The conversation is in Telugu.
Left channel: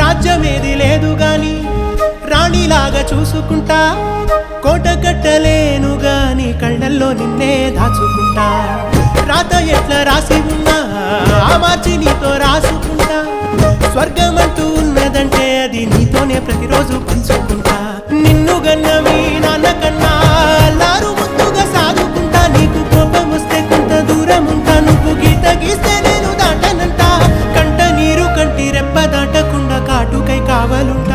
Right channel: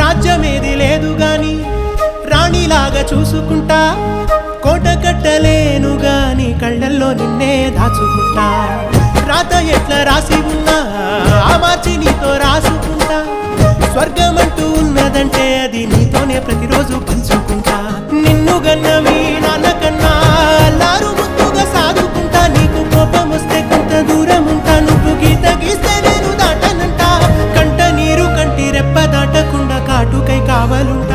రాజ్యమేది లేదు గాని రాణిలాగా చూసుకుంటా, కోట కట్టలేను గాని కళ్ళల్లో నిన్నే దాచుకుంటా. రాత ఎట్లా రాసి ఉన్నా ఆ మార్చి నీతో రాసుకుంటా. స్వర్గమంటూ ఉన్నదంటే అది నీతోనే ప్రతిరోజు పంచుకుంటా. నిన్ను గన్న మీ నాన్న కన్నా లారు ముద్దుగా సాదుకుంటా. నీకు కోపం వస్తే కొంత దూరం ఉంటా, నువ్వు గీత గీస్తే నేను దాటనంటా. కంట నీరు కంటి రెప్ప దాటకుండా కాటుకై కావాలుంటా.